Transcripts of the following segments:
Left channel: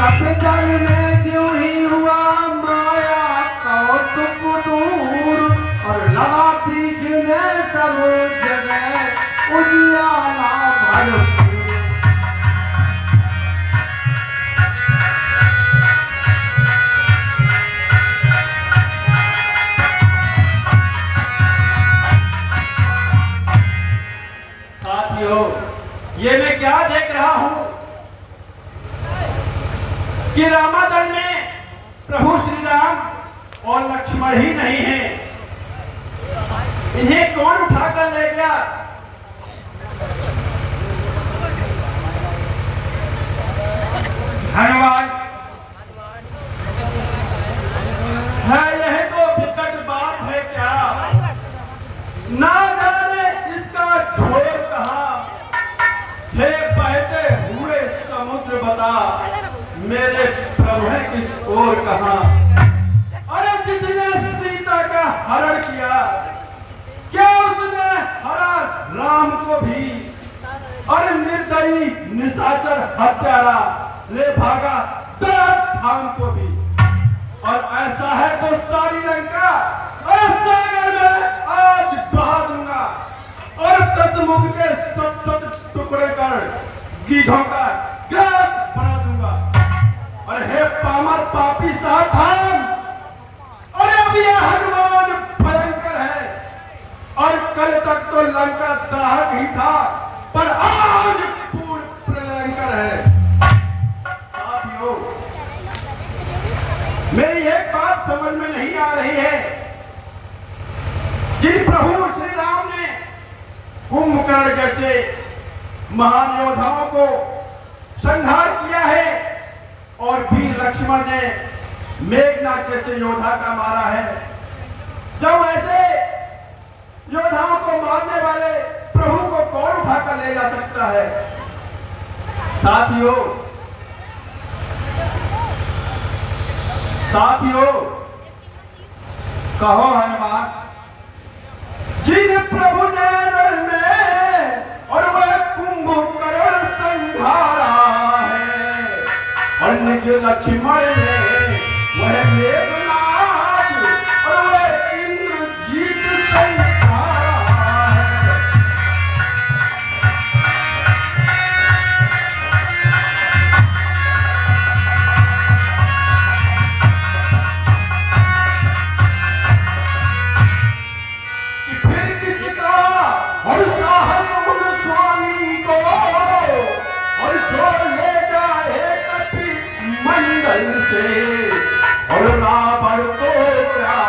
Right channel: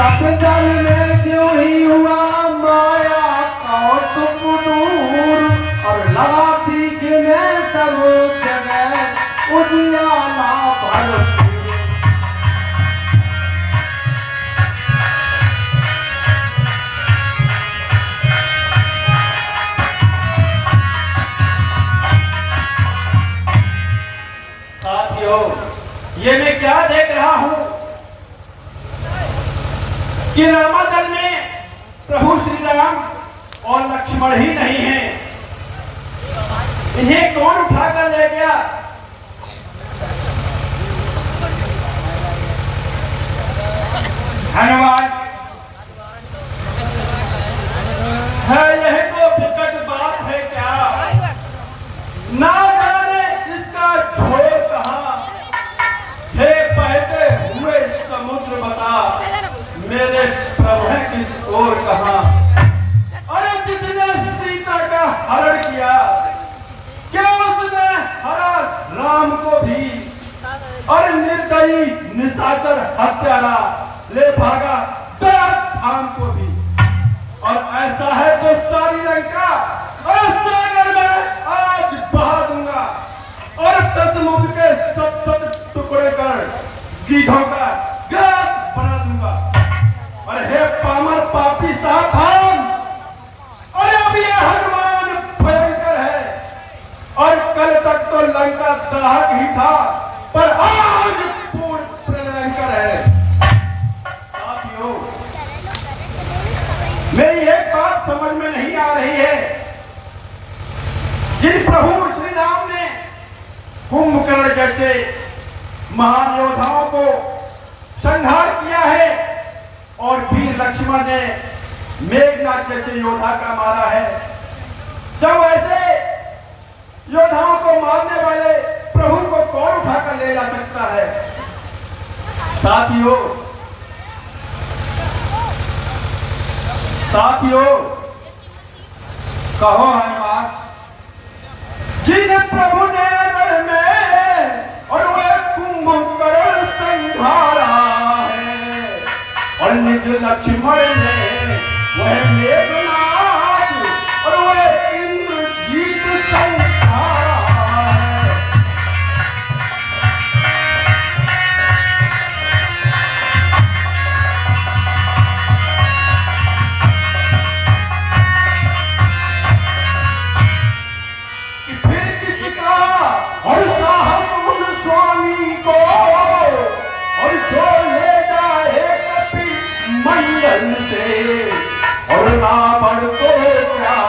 कपितल में जो ही हुआ माया कौतुक दूर और लगा दिखने सब जगह उजियाला भरपूर। साथियों, ये मैं क्या देख रहा हूं कि रामादल में प्रभु श्री राम और लक्ष्मण ही नहीं है। इन्हें कौन उठाकर ले गया? धन्यवाद। है यह तो विकट बात है क्या? ना जाने इसका छोर कहां है। बहते हुए समुद्र बता मेरे प्रभु है किस ओर कहां। अरे जिसने सीता का हरण किया क्या उसने हरा राम को भी? और निर्दयी निशाचर हत्यारा ले भागा धाम को भी। और ऐसा है तो सारी लंका और सागर में आज बहा दूंगा और 10 मुख के सब टुकड़े कर गीधों का ग्रास बना दूंगा। और हे पामर पापी सावधान, अरे अब ये हनुमान भयंकर है और कल तक तो लंका दाहक ही था पर आज पूर्ण प्रलयंकर है। साथियों, मेरी एक बात समझ में नहीं आ रही है। जिन प्रभु श्री राम ने कुंभकर्ण जैसे महान योद्धाओं को संहार किया है और वीर लक्ष्मण ने मेघनाथ जैसे योद्धा का मारा है, जब ऐसे योद्धाओं को मारने वाले प्रभु को कौन उठाकर ले जा सकता है? साथियों, कहो हनुमान। जिन प्रभु ने रण में और वह कुंभकर्ण संहारा है और निज लक्ष्मण ने वह मेघनाथ और वह इंद्रजीत संहारा है। कि फिर किसका और साहस उन स्वामी को और जो ले जाए कपि मंडल से और रावण को क्या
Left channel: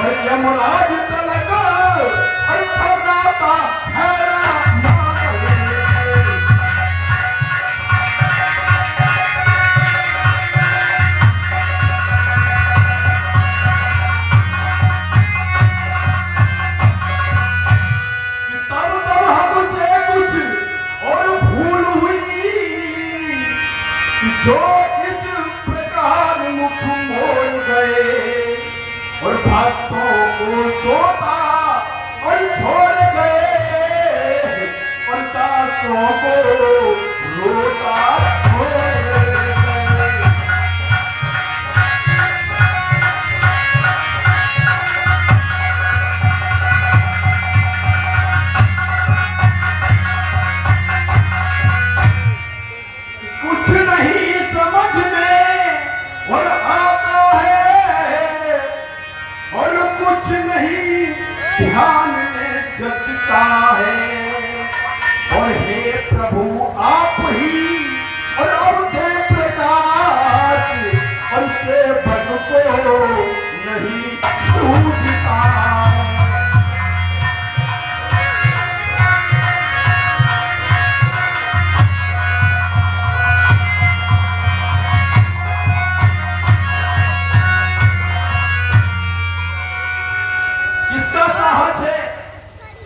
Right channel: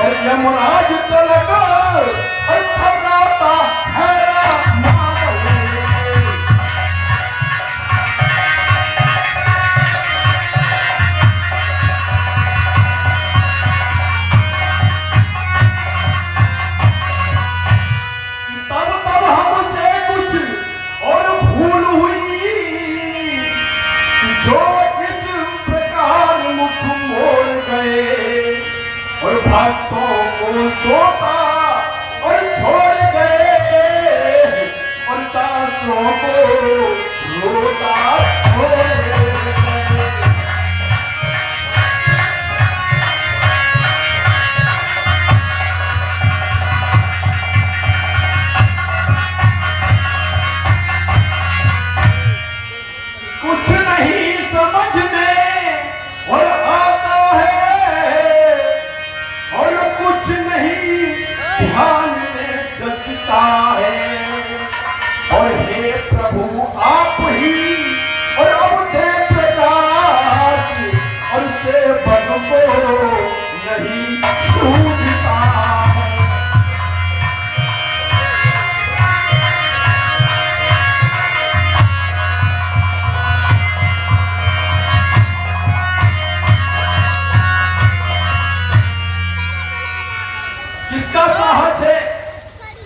और यमराज तलक और थर्राता हैरा मातल। तब हमसे कुछ और भूल हुई कि जो इस प्रकार मुख मोड़ गए और भक्तों को सोता और छोड़ गए और दासों को रोता छोड़ गए। कुछ नहीं समझ में और आता है और कुछ नहीं ध्यान में जचता है। और हे प्रभु आप ही और अब दे प्रकाश और सेवक को नहीं सूझता। किसका साहस है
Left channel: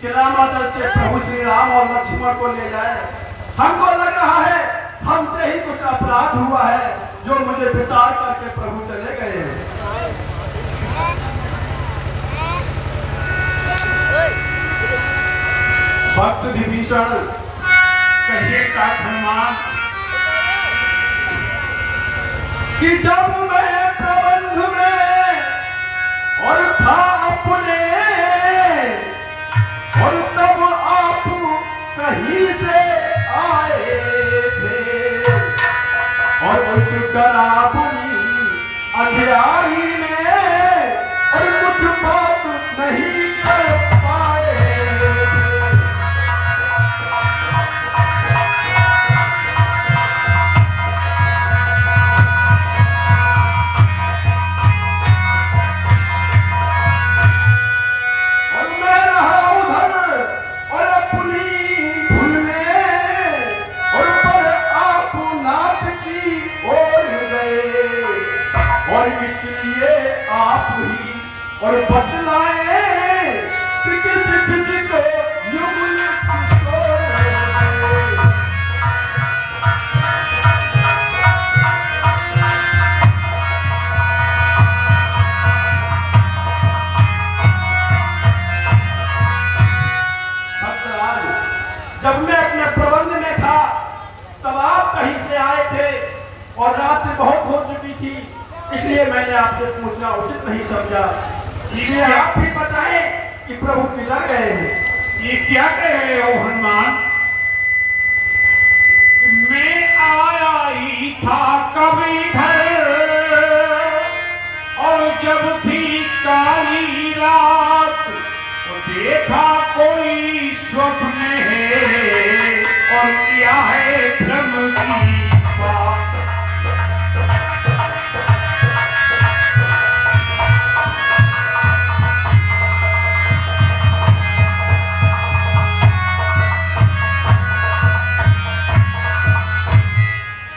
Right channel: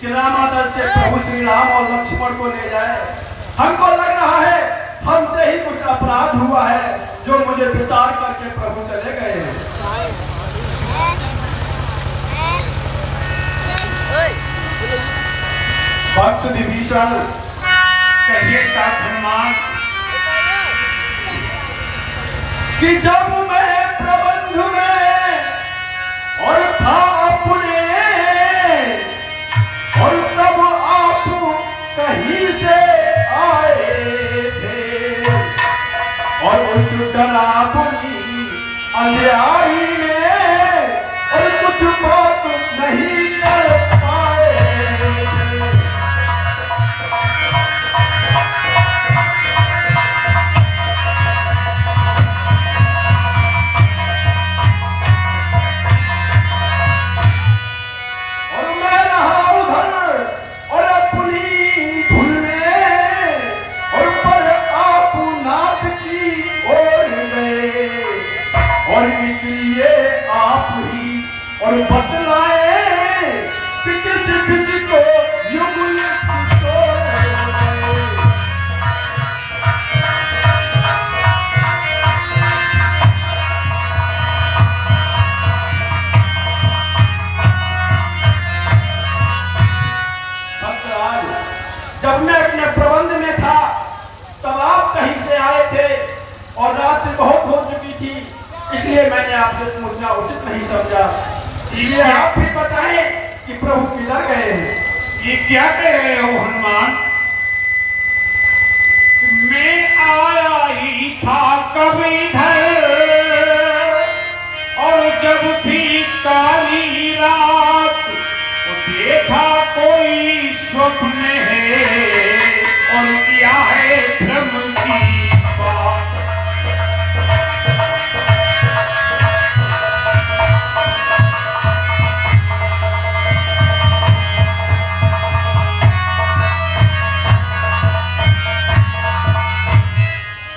कि रामादल से प्रभु श्री राम और लक्ष्मण को ले जाए? हमको लग रहा है हमसे ही कुछ अपराध हुआ है जो मुझे विसार करके प्रभु चले गए हैं। भक्त विभीषण कहिए तात हनुमान। कि जब मैं प्रबंध में और था अपने, और तब आप कहीं से आए थे, और उस डरावनी अंधियारी में और कुछ बात नहीं कर पाए थे। और मैं रहा उधर और अपनी धुन में, और पर आप नाथ की ओर गए, और इसलिए आप ही और बतलाए कि किसी को युगल किसको गए। भक्तराज, जब मैं अपने प्रबंध में था तब आप कहीं से आए थे, और रात बहुत हो चुकी थी, इसलिए मैंने आपसे पूछना उचित नहीं समझा। इसलिए आप भी बताएं कि प्रभु किधर गए हैं। ये क्या कह रहे हो हनुमान? मैं आया ही था कभी इधर, और जब थी काली रात तो देखा कोई स्वप्न है, और क्या है भ्रम की बात।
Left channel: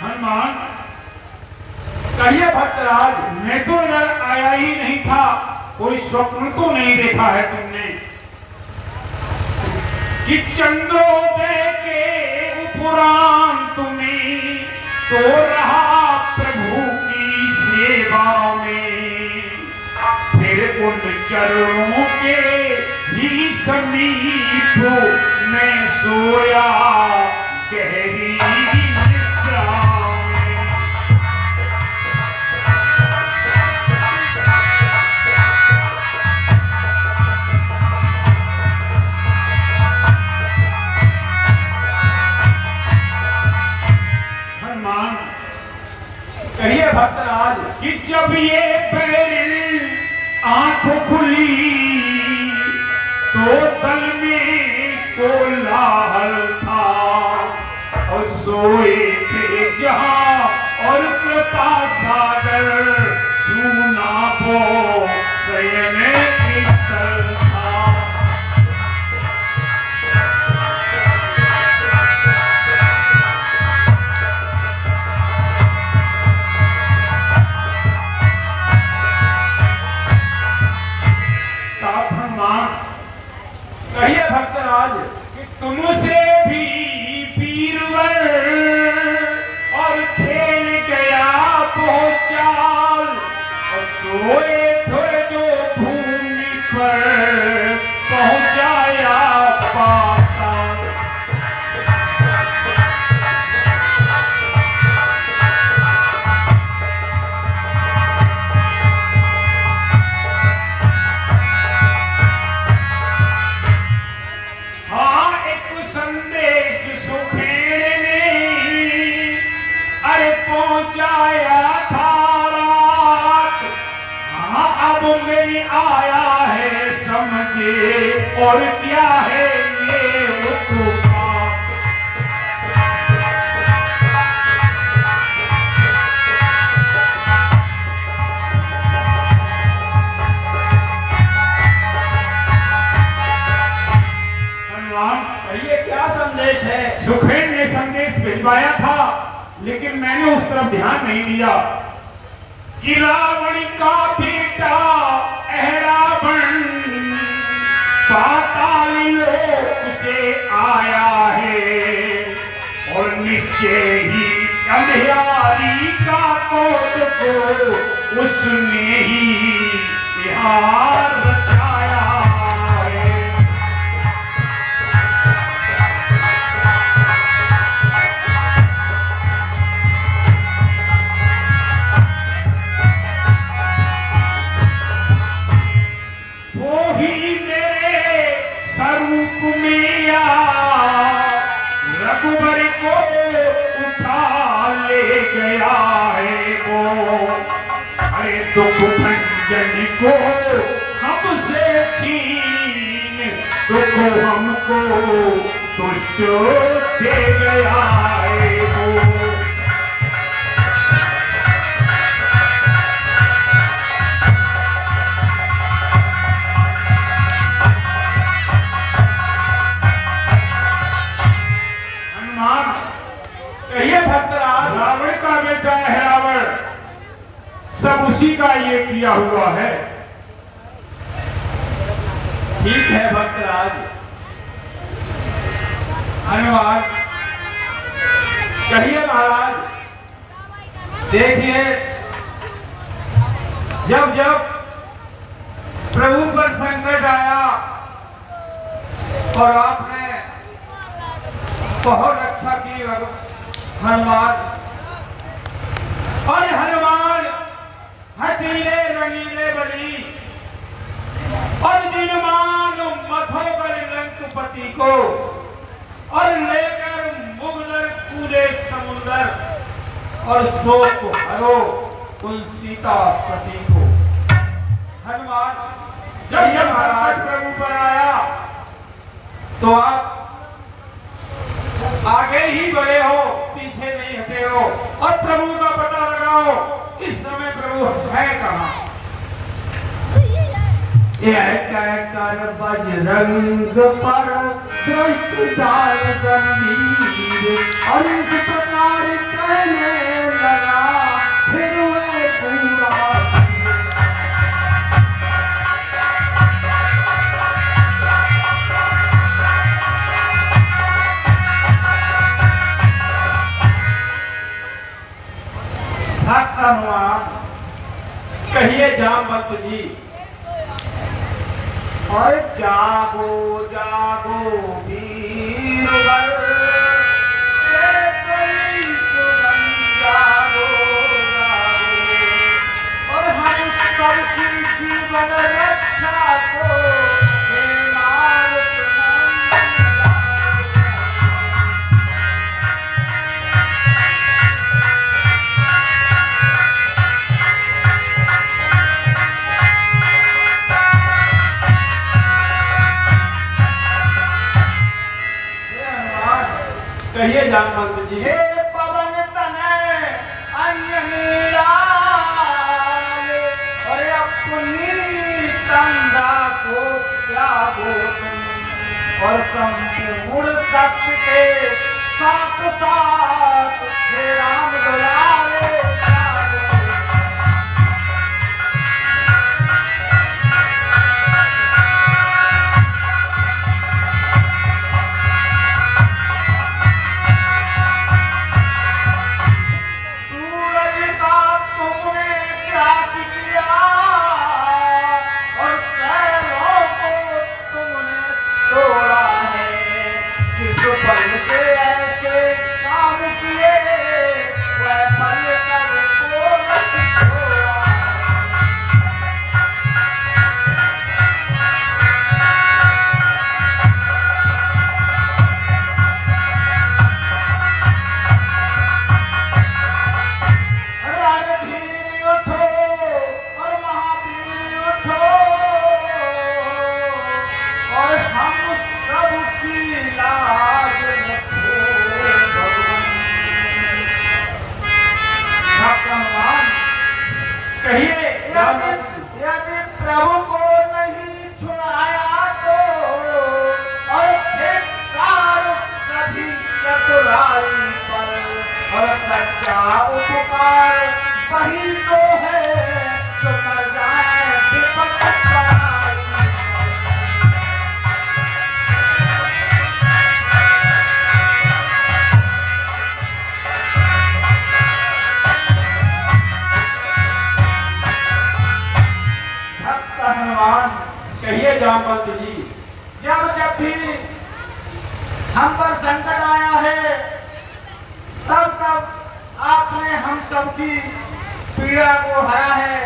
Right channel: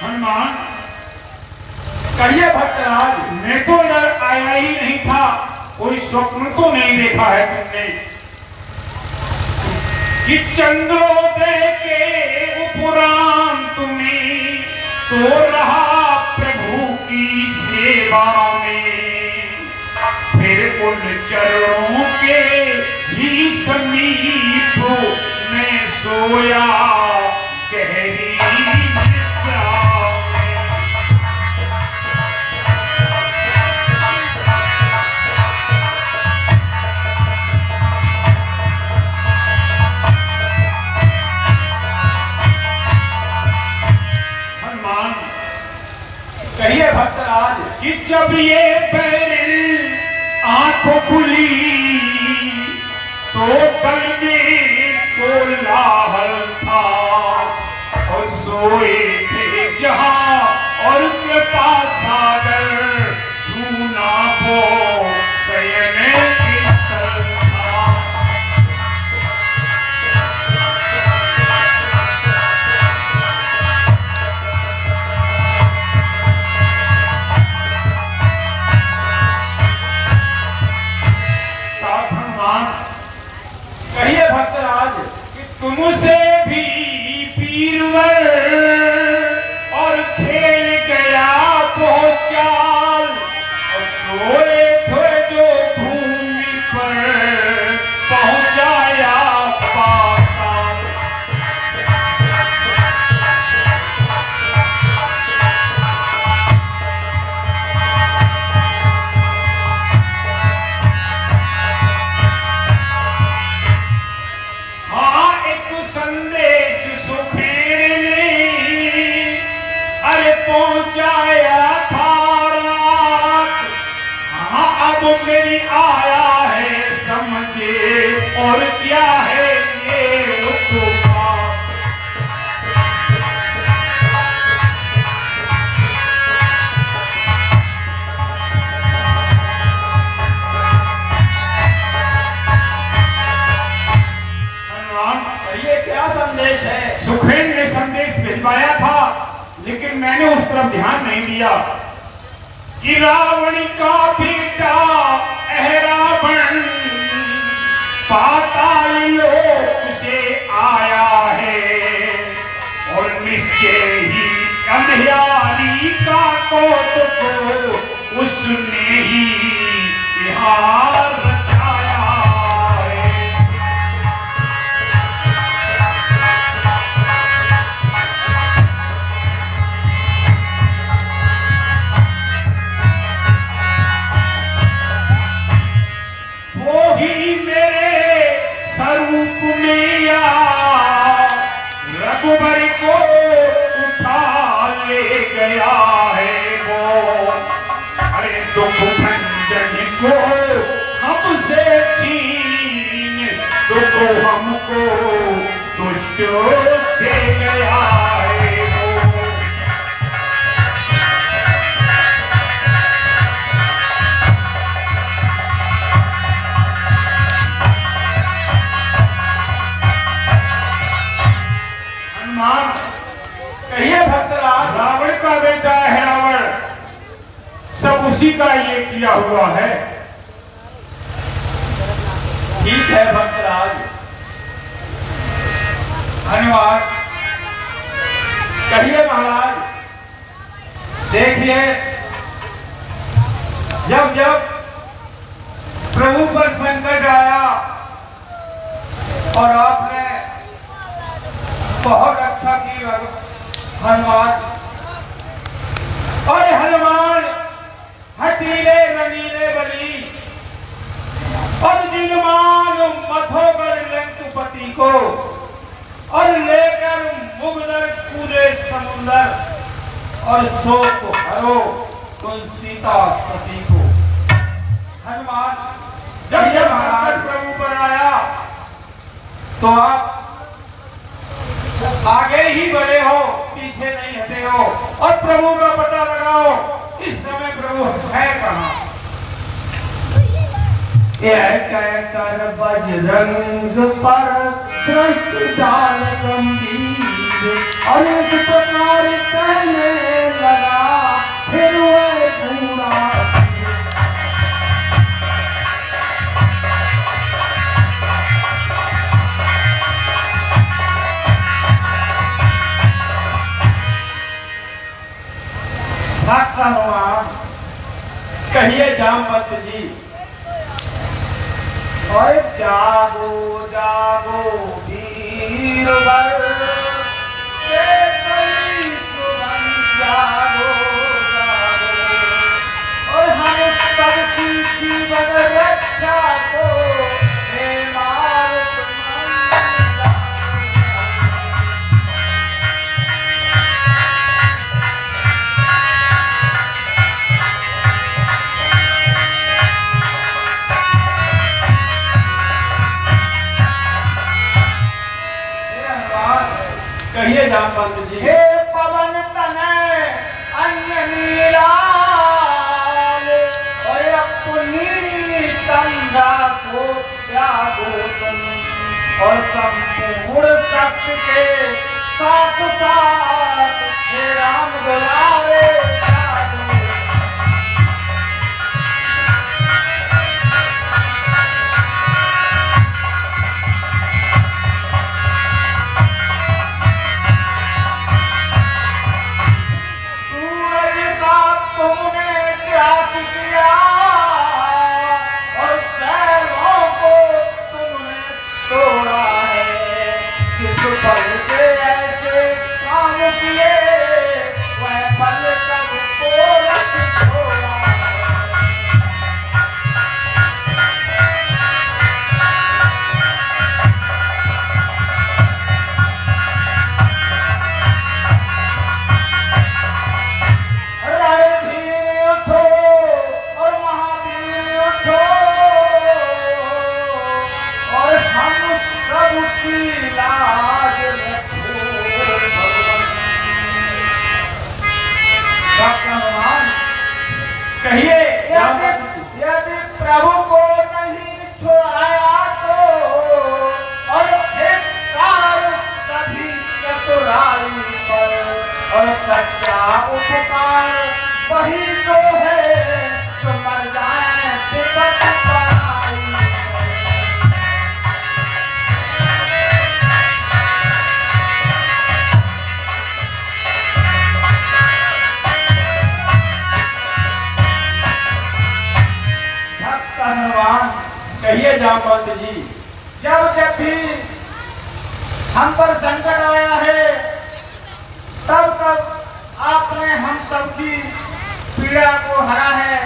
हनुमान, कहिए भक्तराज। मैं तो इधर आया ही नहीं था, कोई स्वप्न तो नहीं देखा है तुमने कि चंद्रोदय के उपरांत में तो रहा प्रभु की सेवा में, फिर उन चरणों के ही समीप मैं सोया गहरी निद्रा में। हनुमान, कहिए भक्तराज। कि जब ये बैरिल आंखों खुली तो तन में कोलाहल था, और सोए थे जहां और कृपा सागर सूना को शयन स्थल था। हनुमान, कहिए भक्तराज। कि तुमसे भी वीरवर और खेल गया बहुत चाल, और सोए थे जो भूमि पर पहुंचाया पाताल। हाँ, एक संदेश सुखेड़ ने अरे पहुंचाया था रात। हाँ, अब मेरी आया है समझे, और क्या है ये उत्पात। हनुमान, कहिए क्या संदेश है। सुखेन ने संदेश भिजवाया था, लेकिन मैंने उस तरफ ध्यान नहीं दिया कि रावण का बेटा अहरावण पाताल लोक से आया है, और निश्चय ही अंधियारी का कोट को उसने ही यहाँ रचाया है। गया है वो, अरे दुख भंजन को हमसे छीन दुख हमको तुष्ट दे गया है वो। हनुमान, कहिए भक्तराज। रावण का बेटा है रावण, सब उसी का ये किया हुआ है। ठीक है भक्तराज। हनुमान, कहिए महाराज। देखिए, जब जब प्रभु पर संकट आया और आपने बहुत अच्छा की हनुमान। और हनुमान हटीले रंगीले बनी और जिनमान मथोगढ़ लंकुपति को और लेकर मुगदर कूदे समुंदर और शोक हरो तुम सीता सती को। हनुमान, जब ये महाराज प्रभु पर आया तो आप आगे ही बढ़े हो, पीछे नहीं हटे हो और प्रभु का पता लगाओ इस समय प्रभु है कहाँ। यह कहकर बजरंग पर दृष्टि डाल गंभीर अनेक प्रकार कहने लगा, फिर वह पूरा भक्त हनुमान। कहिए जामवंत जी। और जागो जागो वीरवर, केसरी सुमन जागो जागो, और हम सबकी जीवन रक्षा को हे नारद मंगल। कहिए जामवंत जी। हे पवन तनय अंजनी लाल, अपनी तंगा को त्यागो तुम, और संपूर्ण शक्ति के साथ साथ हे राम दुलारे त्यागो। सूरज का तुमने ग्रास किया और शैलों को तुमने तोड़ा है, जिस फल से ऐसे काम किए वह फल कर को छोड़ा है। रणधीर उठो और महावीर उठो, और हम सब की लाज रखो भगवान। भगवान, कहिए यदि प्रभु को नहीं छुड़ाया तो, और धिक्कार सभी चतुराई पर, और सच्चा उपकार वही तो है जो मर जाए विपत पराई पर। भक्त हनुमान। कहिए जामवंत जी। जब जब भी हम पर संकट आया है, तब तब आपने हम सबकी पीड़ा को हरा है।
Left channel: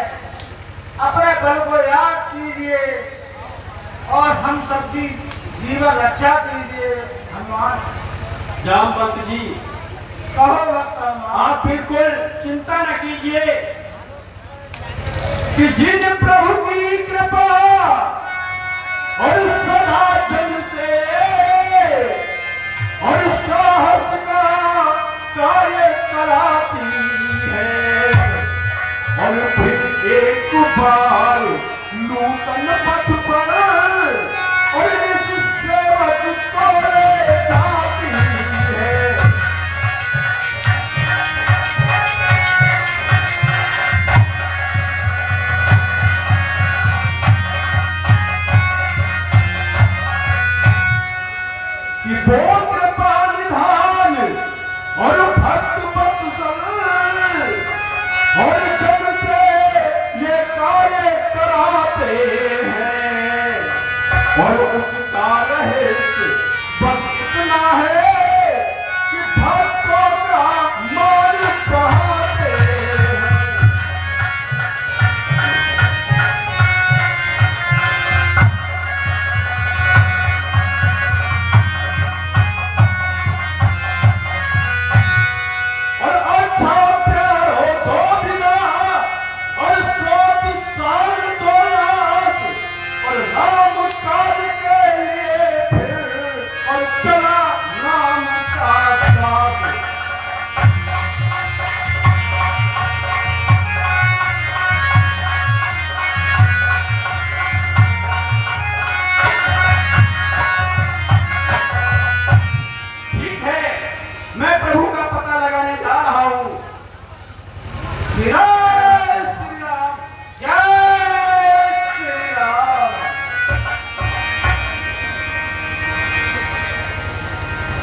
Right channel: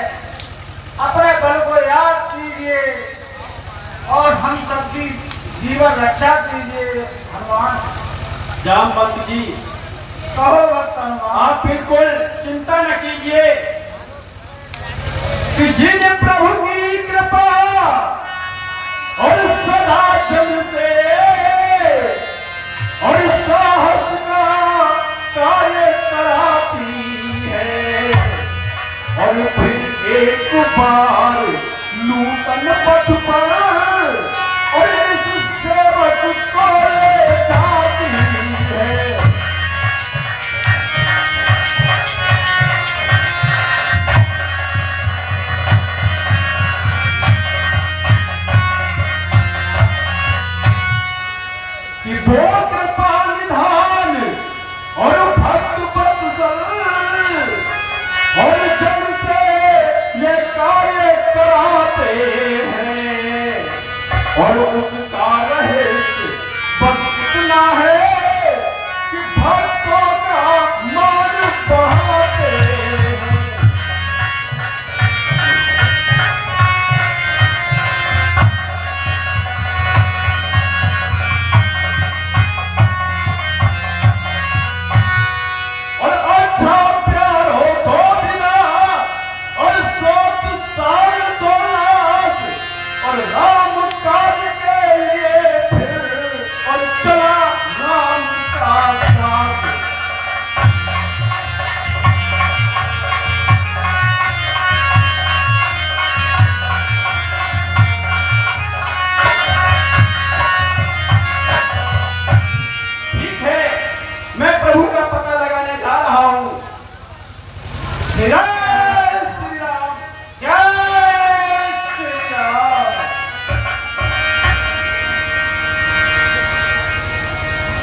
अपने बल को याद कीजिए और हम सबकी जीवन रक्षा कीजिए हनुमान। जामवंत जी, कहो भक्त हनुमान। आप बिल्कुल चिंता न कीजिए कि जिन प्रभु की कृपा और सदा जन से और साहस का कार्य कराती है और फिर एक बार नूतन पथ पर और इस सेवक को ले जाती है। कि वो कृपा निधान और भक्त वत्सल और जन से ये कार्य कराते हैं और उसका रहस्य बस इतना है कि भक्तों का मान बढ़ाते हैं। और अच्छा प्यार हो तो बिना और सोत साल तो नाश और राम काज के लिए फिर और चला राम का दास। ठीक है, मैं प्रभु का पता लगाने जा रहा हूं। मेरा